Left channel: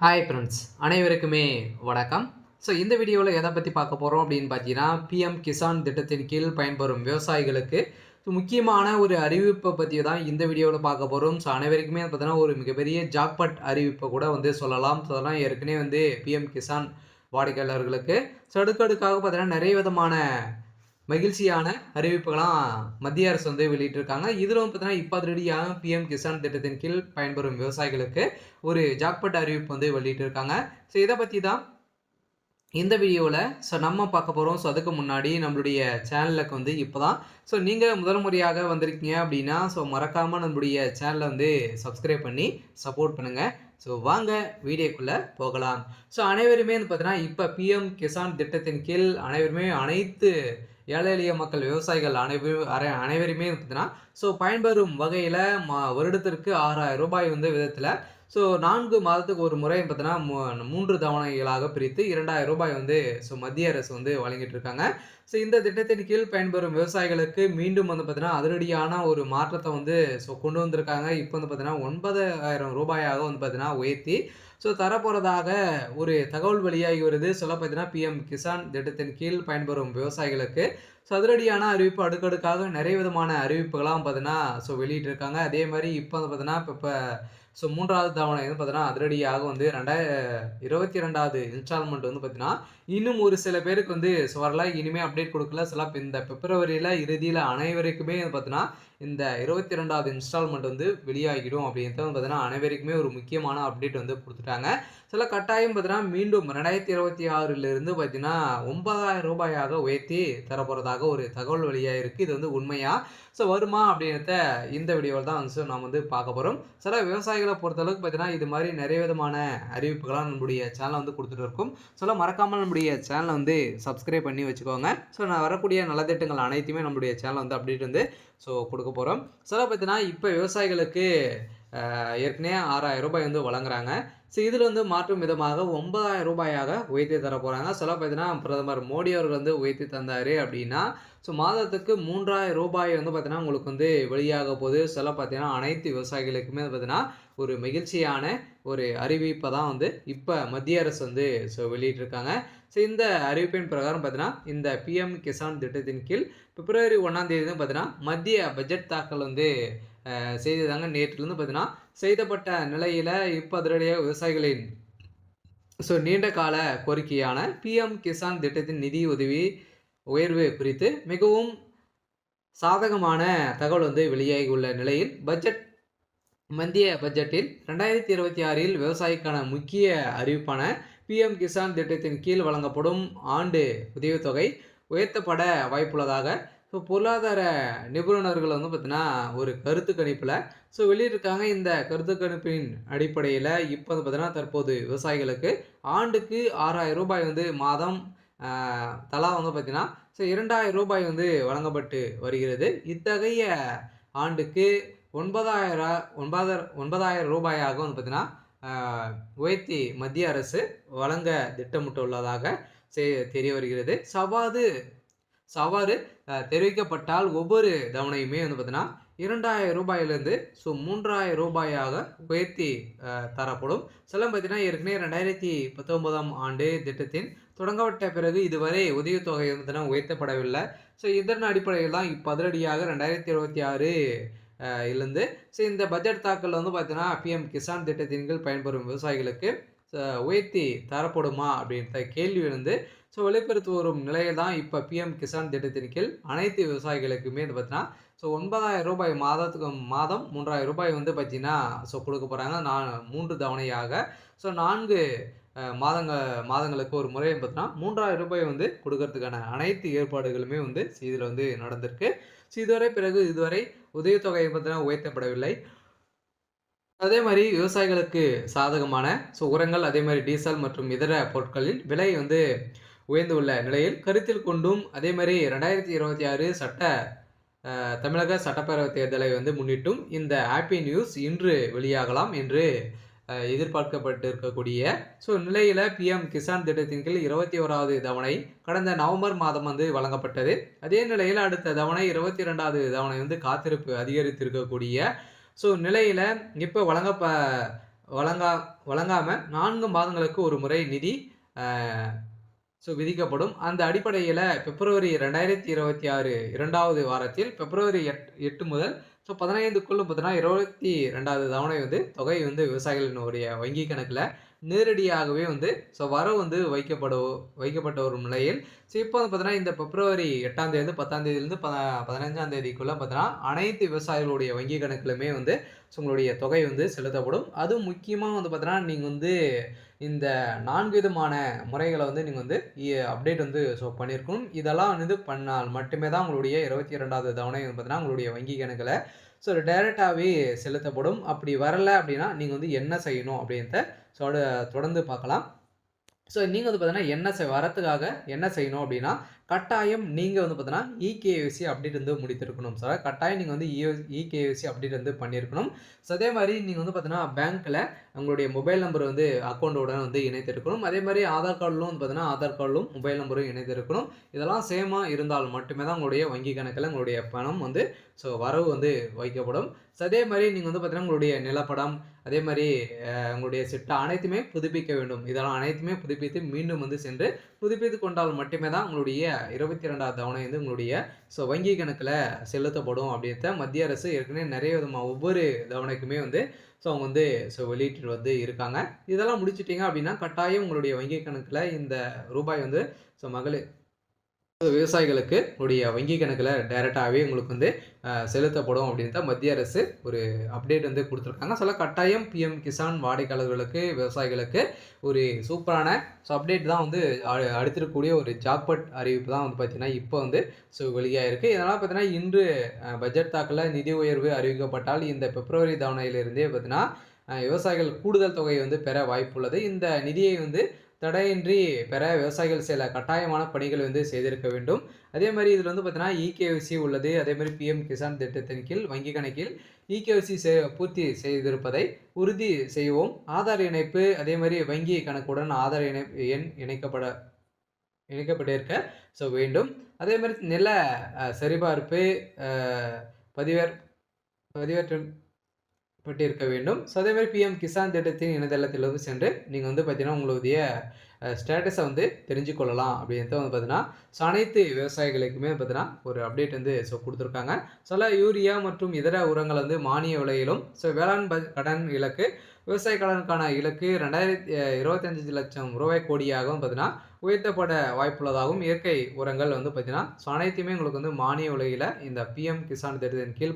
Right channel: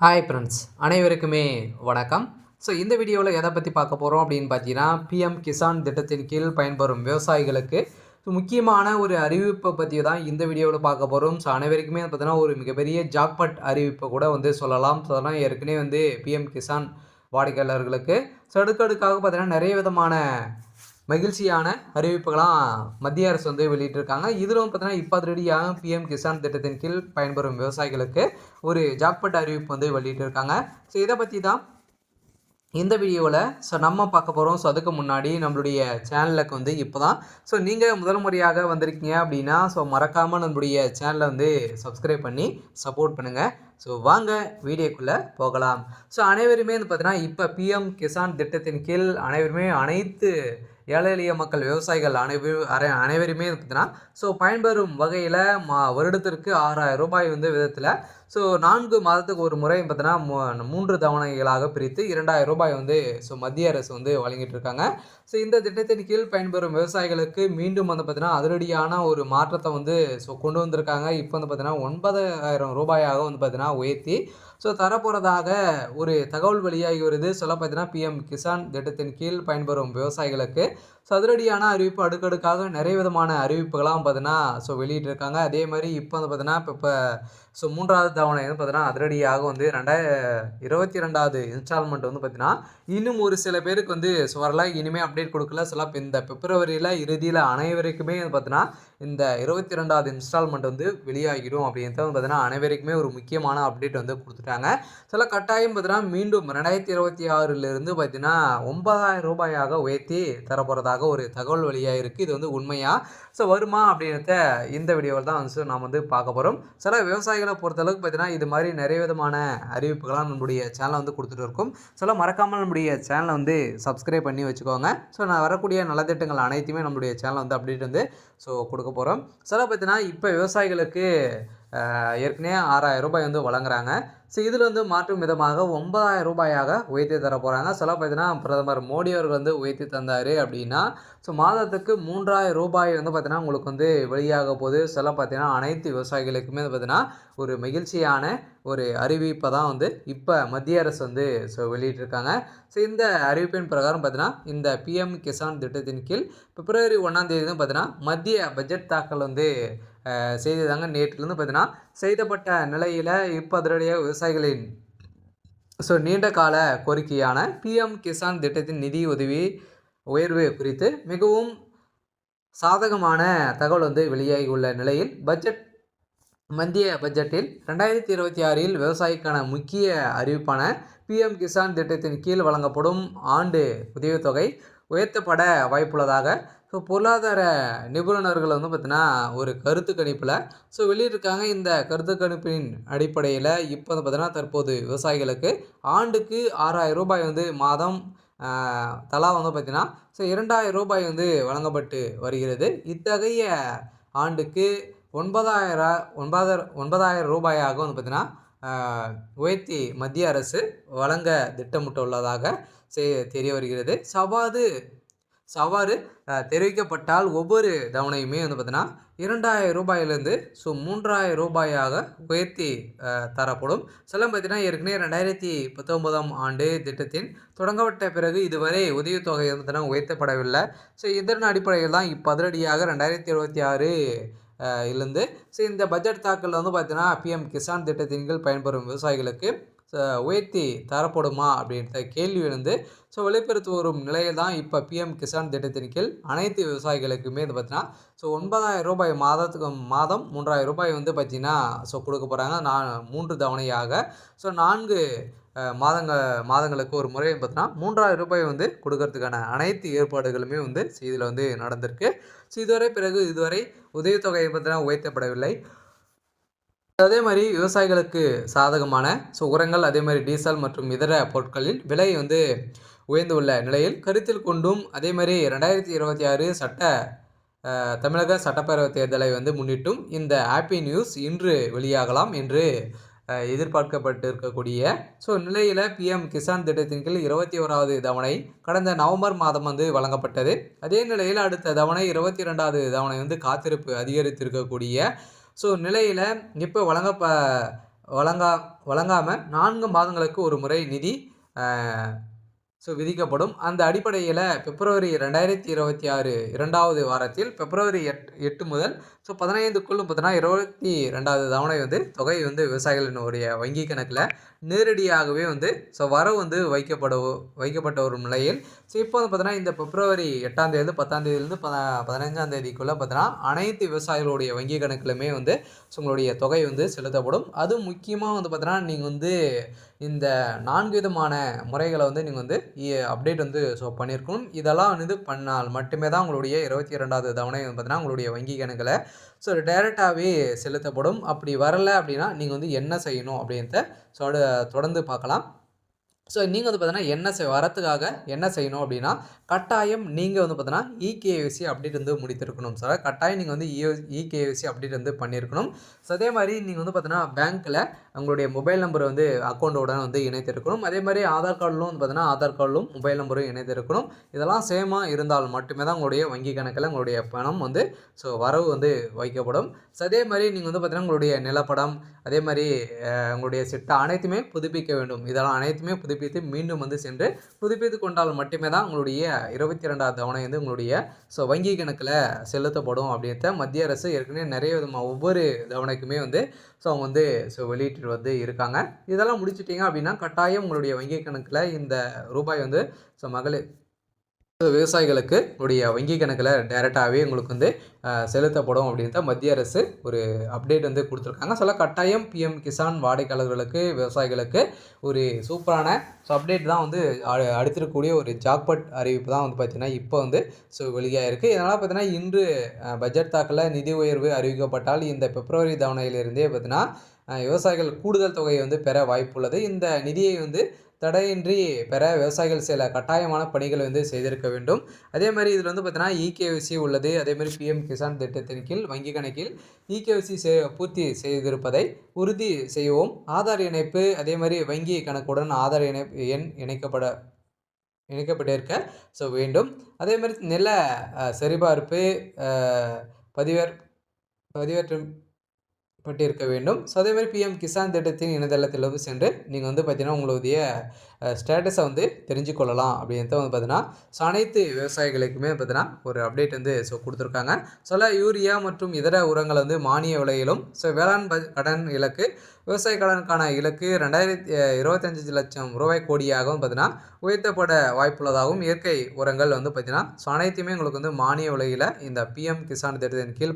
Hi friends, அனைவருக்குமே வணக்கம். So இந்த வீடியோவில் எதை பற்றி பார்க்க போகிறோம் அப்படின்னு பார்த்தீங்கன்னா, பிஎம் கிசான் திட்டத்தின் கீழ் பயன்பெறும் விவசாயிகளுக்கு முக்கியமான ஒரு அறிவிப்பை பற்றி தான் இந்த வீடியோவில் பார்க்க போகிறோம். ஸோ அனைவருக்குமே பார்த்தீங்கன்னா ஒரு மிகப்பெரிய ஜாக்பாட் அறிவிப்பை கூட சொல்லலாம். ஸோ அதெல்லாம் ஏற்கனவே பிஎம் கிசான் வாடிக்கையாளர்களுக்கு ஸோ அடுக்கடுக்காக பார்த்தீங்கன்னா நிறைய விதமான மகிழ்ச்சியான அறிவிப்புகளாம் மத்திய அரசு வெளியிட்டிருக்காங்க. இதிலும் பார்த்தீங்கன்னா இப்போ அதிரடியாக பிஎம் கிசான் திட்டத்தின் கீழ் பயன்பெறும் விவசாயிகளுக்கு ஒரு ஜாக்பாட் அறிவிப்பு வெளியிட்டிருக்காங்க. ஸோ இதை பற்றி தான் இந்த வீடியோவில் நம்ம பார்க்க போகிறோம். ஸோ அதுக்கு முன்னாடி நம்மளுடைய சேனலுக்கு இப்போ தான் நீங்கள் முதல் முறையாக வந்திருக்கீங்க அப்படின்னா மறக்காமல் நம்மளுடைய சேனலை சப்ஸ்கிரைப் பண்ணி சப்போர்ட் பண்ணுங்கள். ஸோ வாங்க வீடியோக்குள்ளே போகலாம். ஸோ அனைவருமே பார்த்தீங்கன்னா இப்போ பிஎம் கிசான் திட்டத்தின் கீழ் அனைத்து ஏழை எளிய மக்கள் விவசாயிகள் அனைவருமே பார்த்தீங்கன்னா பயன்பெறும் வகையில் வருடத்திற்கு 6000 ரூபாய் விதத்தில் 4 மாதத்துக்கு ஒரு முறை பார்த்தீங்கன்னா 3 தவணைகளாக பிரித்து 2000 ரூபாய் மத்திய அரசு வழங்கிட்டு இருக்காங்க. இந்த திட்டத்தின் கீழ் பயன்பெறும் விவசாயிகளுக்கு மீண்டும் பார்த்தீங்கன்னா அதிரடியான ஒரு மாற்றத்தை கொண்டு வந்திருக்காங்க. இப்போ பார்த்தீங்கன்னா 9000 ரூபாயாக பார்த்தீங்கன்னா உயர்த்தி தரப்போகிறதாக ஒரு தகவல் வெளியாகி வருது. பார்த்தீங்கன்னா பிஎம் கிசான் திட்டத்தின் கீழ் பயன்பெறும் விவசாயிகளுக்கு அதிரடியான அறிவிப்பு அடுக்கடுக்காக நிறைய விதமான அறிவிப்புகளாம் பார்த்தீங்கன்னா வெளியிட்டிருக்காங்க. அதே மாதிரி இப்போ பார்த்தீங்கன்னா இப்போ 3வது தவணை பார்த்தீங்கன்னா அதிரடியாக 2022வது இன்ஸ்டால்மெண்ட் பார்த்தீங்கன்னா இன்னும் ஒரு சில பேருக்கு வரல, இனிமேல் அப்டேட் கொடுக்கல. இந்த பிப்ரவரியில் இறுதியில் அனைவருக்குமே பார்த்தீங்கன்னா இந்த 22வது இன்ஸ்டால்மெண்ட் வெளியாகிடும் அப்படின்றது பார்த்தீங்கன்னா அனைவருக்குமே ஒரு முக்கியமான அப்டேட் கொடுத்துட்டாங்க. கட்டாயம் பார்த்தீங்கன்னா மீண்டும் 2026லிருந்து பார்த்தீங்கன்னா 9000 ரூபாயாக உயர்த்தி தரப்போகிறதாக ஒரு தகவல் வெளியாக இருக்குது. இது உண்மையா வருமா அப்படின்றத இந்த வீடியோவில் தான் நாம் பார்க்க போகிறோம். விவசாயிகளை பொறுத்தளவுக்கு பார்த்தீங்கன்னா இது மாதிரி நிறைய விதமான அறிவிப்புகளாக நம்மளுடைய சேனலை கொடுத்துட்டு இருக்கும். மறக்காமல் நம்முடைய சேனலை சப்ஸ்கிரைப் பண்ணி வச்சுக்கோங்க. நான் வரக்கூடிய நலத்திட்டங்கள் அனைத்துமே நம்மளுடைய சேனல் அப்டேட் கொடுக்க போகிறோம். பார்த்தீங்கன்னா இப்போ விவசாயிகளுக்கு ஏற்கனவே 6000 ரூபாய் வழங்குறாங்க. இதில் மாற்றும் விதமாக 9000 ரூபாயாக உயர்த்தி தர போகிறாங்க. பார்த்தீங்கன்னா பிரதமர் மோடி அவர்கள் உயர்த்தி தந்தார் அப்படின்னா மாதத்துக்கு 3000 ரூபாய் பார்த்தீங்கன்னா உங்களுக்கு வெளியாக போகுது. பார்த்தீங்கன்னா அனைத்து விவசாயிகளுக்குமே பார்த்தீங்கன்னா ஒரு மகிழ்ச்சியான ஒரு அறிவிப்பை தான் இப்போ மத்திய அரசு வெளியிட்டிருக்காங்க. இந்த அறிவிப்பின் பிரகாரம் பார்த்தீங்கன்னா இந்த பிஎம் கிசான் திட்டத்தின் கீழ் பிப்ரவரி 1ஆம் தேதி பார்த்தீங்கன்னா மத்திய பட்ஜெட் தாக்கல் செய்ததாங்க. நேற்றிலிருந்து பார்த்தீங்கன்னா செய்தப்பட்ட நிலையில் இப்போ அதிரடியாக விவசாயிகளின் நீண்ட கால கோரிக்கையான பிஎம் கிசான் திட்டத்தின் நிதி உதவி உயர்வு குறித்து மிகவும் சாதகமான தகவல் வெளியாகி உள்ள நிலையில் மத்திய பட்ஜெட்டில் 2026இல் விவசாயிக்கான முக்கிய அறிவிப்பான பிஎம் கிசான் திட்டத்தின் கீழ் வழங்கப்படும் ஆண்டு உதவித்தொகை உயர்த்தப்பட வாய்ப்புள்ளதாக பொருளாதார நிபுணர்கள் பார்த்தீங்கன்னா ஒரு கருத்து கணிப்பில் வெளியிட்டிருக்காங்க. இந்த கருத்து கணிப்பின் அடிப்படையில் இப்போ பார்த்தீங்கன்னா தற்போது விவசாயிகளுக்கு ஆண்டுக்கு 6000 ரூபாய் மாதம் தலா பார்த்தீங்கன்னா 2000 ரூபாய் வழங்கப்பட்டு வருகிறது. இத்தகைய ஆண்டுக்கு 9000 ரூபாயாக பார்த்தீங்கன்னா உயர்த்தி மத்திய அரசு வழங்க திட்டமிட்டுள்ளதாக தெரிய வருகிறது. சவாறு தெரிவிக்கப்பட்டால் ஒவ்வொரு தவணையுமே பார்த்தீங்கன்னா 2000 ரூபாயிலிருந்து 3000 ரூபாயாக உயர்த்தி தரப்படும். பார்த்தீங்கன்னா ஏற்கனவே 2019ஆம் ஆண்டு திட்டத்தின் தொடங்கப்பட்ட பிறகு இதுவரை உதவித்தொகை பார்த்தீங்கன்னா உயர்த்தப்படவில்லை. இதன் அடிப்படையில் தான் இப்போ அதிரடியாக 2026 இருந்து இந்த பட்ஜெட் தாக்கல் பார்த்தீங்கன்னா பிஎம் கிசான் திட்டத்தின் கீழ் பயன்பெறும் விவசாயிகளுக்கு உயர்த்தி தரப்படுமா அப்படின்ற கேள்வி வெளிப்படுத்தி வரும் நிலையில் தான் இப்போ பிஎம் கிசான் திட்டத்தின் கீழ் அனைத்து விவசாயிகளுக்குமே பார்த்தீங்கன்னா 9000 ரூபாய் மாதம் 3000 ரூபாய் பார்த்தீங்கன்னா கொடுக்க போகிறாங்க. 3 தவணையாக 4 மாதங்களுக்கு ஒரு முறை பார்த்தீங்கன்னா 3000 ரூபாய் கொடுக்கறதுக்கான அனைத்து ஏற்பாடுகளுமே இதில் நடந்திருக்கு. இதுவரை உதவித்தொகை பார்த்தீங்கன்னா உயர்த்தப்படவில்லை. அதே மாதிரி விவசாயிகளுக்கு சாதகமான உரங்கள், அதே மாதிரி டீசல் மற்றும் இதர பொருட்களின் விலை உயர்ந்துள்ள நிலையில் கருத்தில் கொண்டும் அதே மாதிரி 2026 தமிழக சட்டப்பேரவை தேர்தலை முன்னிட்டும் இந்த ஹாப்பி நியூஸ் இன்று வெளியாகலாம் என்று எதிர்பார்க்கப்பட்டு இருக்கக்கூடிய நிலையில் பிஎம் கிசான் திட்டத்தின் கீழ் 21வது தவணை கடந்த நவம்பர் மாதம் வழங்கப்பட்டது. அதே நிலையில் அடுத்த தவணை 22வது தவணை காத்திருப்பு அதிகரித்திருக்கக்கூடிய நிலையில் இப்போ வழங்கா வழங்காம 4 மாதங்களுக்கு ஒரு முறை நிதி அ விதிக்கப்படும். அந்த அடிப்படையில பிப்ரவரி 2026 2வது வாரத்தில் பிப்ரவரி 8 முதல் 15க்குள் பார்த்தீங்கன்னா 22வது தவணை தொகை விவசாயிகளினுடைய வங்கி கணக்குல நேரடியாகவே வரவு வைக்கப்பட்ட ஒரு நிலையில், இப்போ பார்த்தீங்கன்னா இந்த பிப்ரவரி 8ஆம் தேதி 10ஆம் தேதியிலிருந்து 15ஆம் தேதிக்குள்ள பார்த்தீங்கன்னா அனைத்து விவசாயிகளுடைய வங்கி கணக்குலயுமே உங்களுடைய தொகை செலுத்தப்படும். அதுவும் முக்கியமா பார்த்தீங்கன்னா நீங்க இந்த 4 விதமான முறைகள நீங்க அப்டேட் பண்ணியிருக்கணும். இதெல்லாம் பண்ணால் மட்டுமே தான் உங்களுடைய 22வது தவணை பார்த்தீங்கன்னா, உங்களுடைய வங்கி கணக்குல டைரக்ட்டாவே செலுத்தப்படும். அப்படி வரல அப்படின்னா, நீங்க என்ன செய்யணும் அப்படின்றத தொடர்ந்து பார்க்கலாம். நீங்க பார்த்தீங்கன்னா, வரத்துக்காக என்ன செய்யணும் அப்படின்னா, கட்டாயம் நீங்க பார்த்தீங்கன்னா, இகேஒய்சி அப்டேட் முடித்திருக்கணும் சார். கட்டாயம் நீங்க இகேஒய்சி அப்டேட் பண்ணியிருக்கணும். அதே மாரி நீங்க பார்த்தீங்கன்னா, பேங்க்ல உங்களுடைய மொபைல் நம்பர் அக்கவுண்டோட இணைத்திருக்கணும். அதே மாரி ஆதார் கார்டிலும் பார்த்தீங்கன்னா, ஆதார் கார்டிலும் மொபைல் நம்பரும் இணைத்திருக்கணும். இதெல்லாம் சேமா இருந்தால் மட்டுமே தான் உங்களுடைய வங்கி கணக்குல உங்களுடைய பணம் வரவு வைக்கப்படும். அதே மாரி நீங்க பார்த்தீங்கன்னா, உங்களுடைய நிலப்படம், அதே மாரி உங்களுடைய சிட்டா அனைத்துமே புதுப்பிக்க வேண்டும். இதெல்லாம் அனைத்துமே புதுப்பித்து மீண்டும் சென்று புதுப்பித்துக் கொண்டால் மட்டுமே தான் உங்களுடைய 22வது தவணை உங்களுடைய வங்கி கணக்குல செலுத்தப்படும் அப்படின்றத மத்திய அரசு ஏற்கனவே நிறைய விதமா ஒவ்வொரு தவணைக்குமே அவங்க வெளியிட்டு இருக்காங்க. இதெல்லாம் முடிச்சுட்டீங்க அப்படின்னா, கட்டாயம் உங்களுடைய வங்கி கணக்குல இந்த ரூபாய் மகளிர் விவசாயிகளுக்கு உங்களுடைய வங்கி கணக்குல டைரக்ட்டாவே உங்களுக்கு செலுத்தப்படும் அப்படின்றத மத்திய அரசு ஒரு அப்டேட் குடுத்துருக்காங்க. கட்டாயம் பிஎம் கிசான் வாடிக்கையாளர்களுக்கு, விவசாயிகளுக்கு ஒரு சூப்பரான அப்டேட் தான் அடுத்திருக்கக்கூடிய ஒரு ஜாக்பாட் அறிவிப்பு தான் பார்த்தீங்கன்னா, இப்போ வெளியாயிருக்கு. இதனால பார்த்தீங்கன்னா, இன்று பட்ஜெட் தாக்கல்ல நிதி உயர்வு அறிவிக்கப்பட்டால் இந்த பிப்ரவரி தவணையிலிருந்தே பார்த்தீங்கன்னா, விவசாயிகள் கூடுதல் தொகை பெற வாய்ப்புள்ளது. இந்த நிதியை தடையின்றி பெற விவசாயிகள் சில கட்டாயமான பணிகளை செய்திருக்க வேண்டும். அதே மாரி இதில பார்த்தீங்கன்னா, இகேஒய்சி உள்ளது. அதே மாரி பிஎம் கிசான் திட்டத்தின் கீழ் வங்கி கணக்கில் இகேஒய்சி பூர்த்தி செய்திருப்பதை உறுதி செய்யவும். ஆதார் இணைப்பு, அதே மாரி வங்கி கணக்குடன் ஆதார் எண் இணைக்கப்பட்டிருக்க வேண்டும். அதே மாரி நில சரிபார்ப்பு பதிவேற்றம் பட்டிருக்க வேண்டும். அதே மாரி பிஎம் கிசான் திட்டத்தின் இணையதளத்தில சென்று நீங்க பார்த்தீங்கன்னா, உங்களுடைய ஸ்டேட்டஸ தெரிஞ்சு கொள்ளலாம் அப்படின்றத பார்த்தீங்கன்னா, அனைத்து விவசாயிகளுக்குமே பார்த்தீங்கன்னா, ஒரு அப்டேட் குடுத்துருக்காங்க. யூரியா மற்றும் இதர உரங்கள் மானிய விலையிலும், வேளாண் கடன் இலக்கு, விவசாய கடனுக்கான இலக்கு 25 லட்சம் ரூபாய் கோடியாகவும் பார்த்தீங்கன்னா, உயர்த்தப்பட வாய்ப்புள்ளதாகவும், இயற்கை உரங்கள் பார்த்தீங்கன்னா, அனைத்துமே உங்களுக்கு மானிய விலையில இந்த பிஎம் கிசான் திட்டத்தின் கீழ்